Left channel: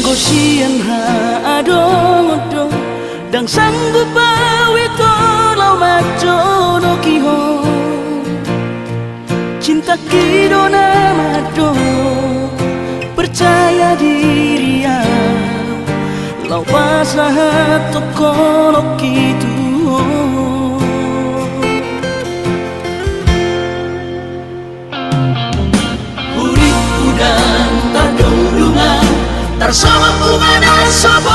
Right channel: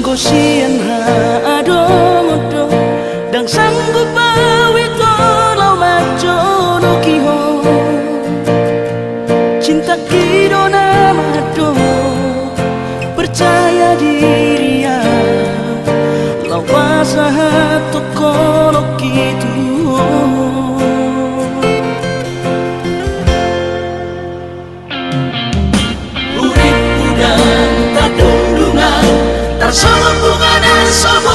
Gosian ha adong-odong dang sanggup bawi tolau majono kiho cinta kidona mado percaya diri ya lau pasahat tokono kitu urip udang tadung lunga tar sama bunga dan sobo